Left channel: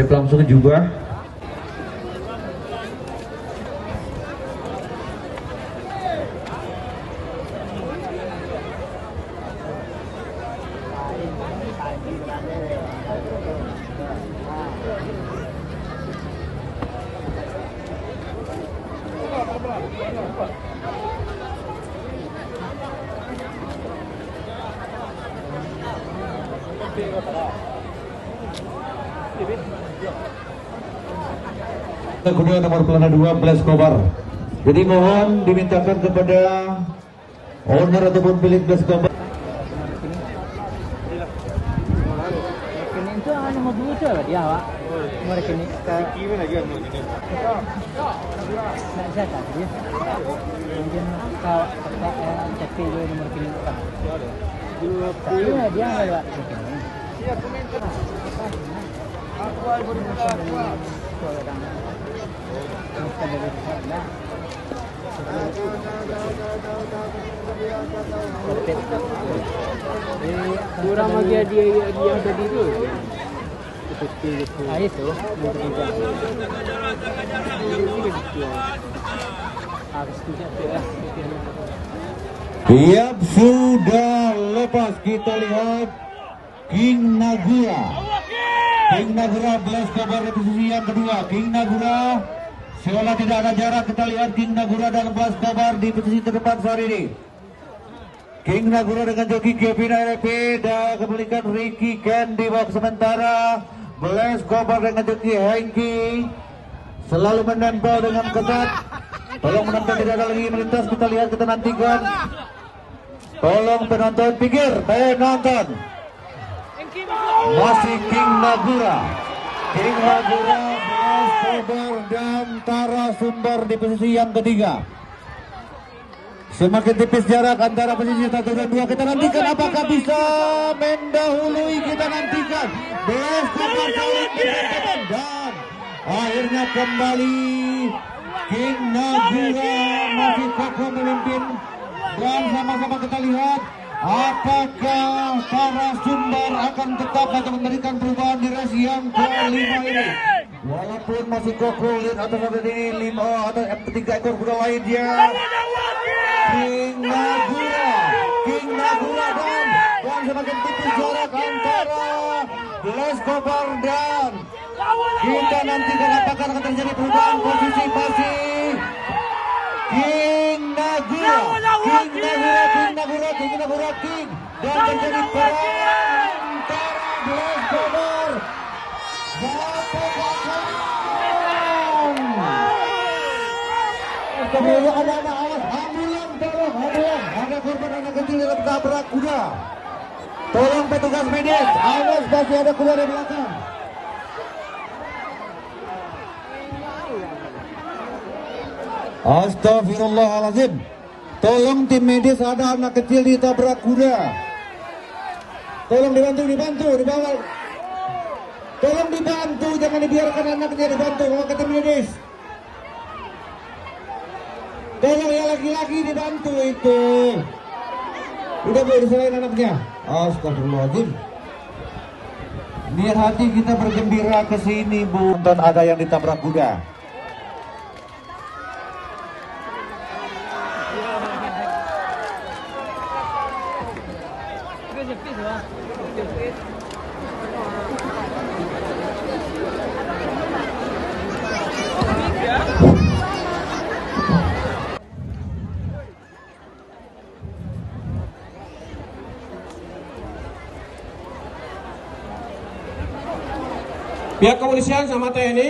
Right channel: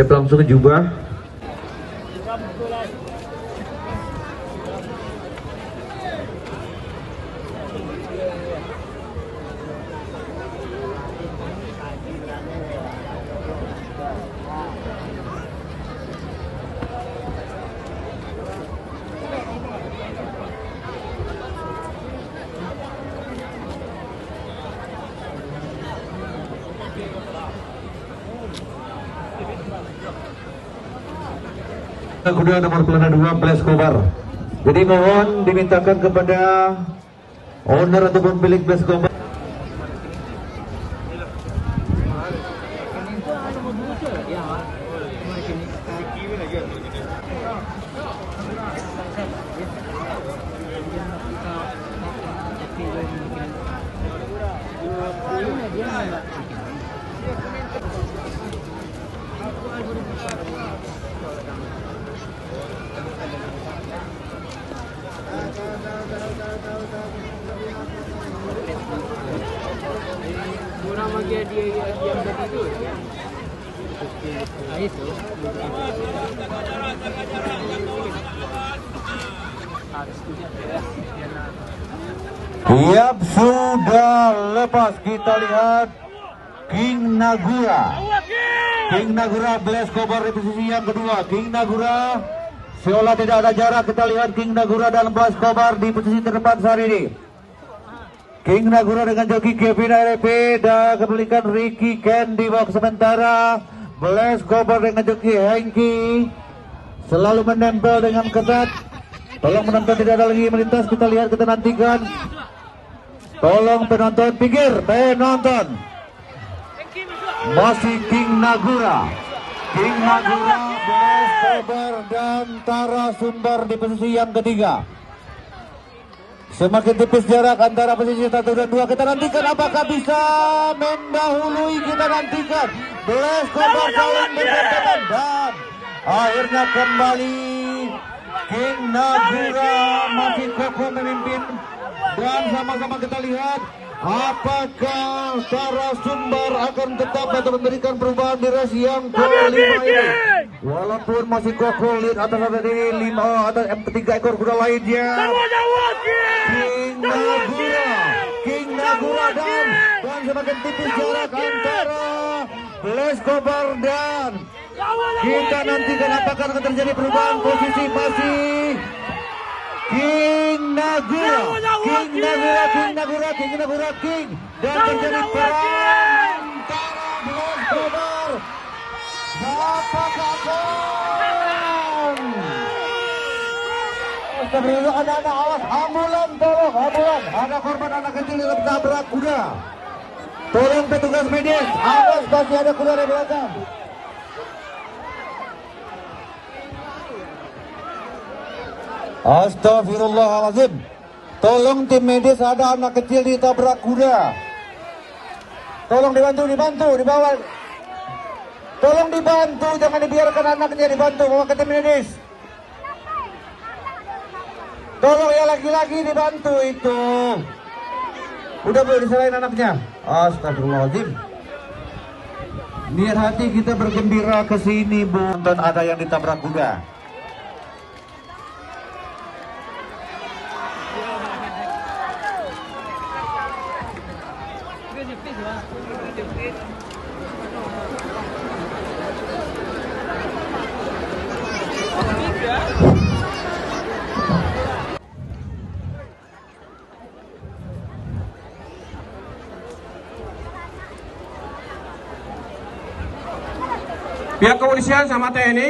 Siap langsung ke jubah. Kuda nomor pelana 2 Blaise Kobar. Jadi mohon dimintakan kepada owner ataupun pemilik Blaise Kobar. Siap, sudah lepas, kita lihat King Nagura. King Nagura Blaise Kobar di posisi yang kedua. King Nagura seolah tidak ada jarak, kita lihat King Nagura dan Blaise Kobar di posisi terdepan saat ini. King Nagura dengan joki Kevin RP dan kembalikan Ricky Ken di babak sementara. Blaise Kobar dengan joki Hengki selalu menempel dengan ketat. Tolong penonton tidak ada lagi melintas, kita lihat, kita nantikan. Tolong penonton pikir, penonton. Masih King Nagura. King Nagura, Blaise Kobar dan Tara Sumber di posisi yang ketiga. Semakin tipis jarak antara posisi 1 dan 2. Kita nantikan apakah bisa mendahului. Kita nantikan Blaise Kobar saling berhadapan dan akhirnya kembali King Nagura masih kokoh memimpin. Dan sama-sama kita lihat apakah Tara Sumber akan tetap atau memberikan perubahan di race yang kelima ini. Walaupun masih kokoh, lihat atas ini 5 atau 3 ekor kuda lainnya. King Nagura dan semakin tipis jarak antara Blaise Kobar dan kita nantikan apakah akan terjadi perubahan posisi King Nagura dan terjadi perang antara Blaise Kobar. Anak-anak, awas, ambulan, tolong, ambulan. Ada korban anak kecil yang tertabrak kuda. Tolong petugas medis, awas, masih ada kuda di belakang. Astagfirullahaladzim. Tolong tim medis, ada anak kecil ditabrak kuda. Tolong dibantu, dibawa. Tolong dibantu, jangan dibiarkan anaknya, dibantu, bawa ke tim medis. Tolong ya laki-laki dibantu itu. Udah boleh diserahin anaknya. Astagfirullahaladzim. Niat hati kita bergembira ke sini, Bu, dan ada yang ditabrak kuda. Pihak kepolisian sama TNI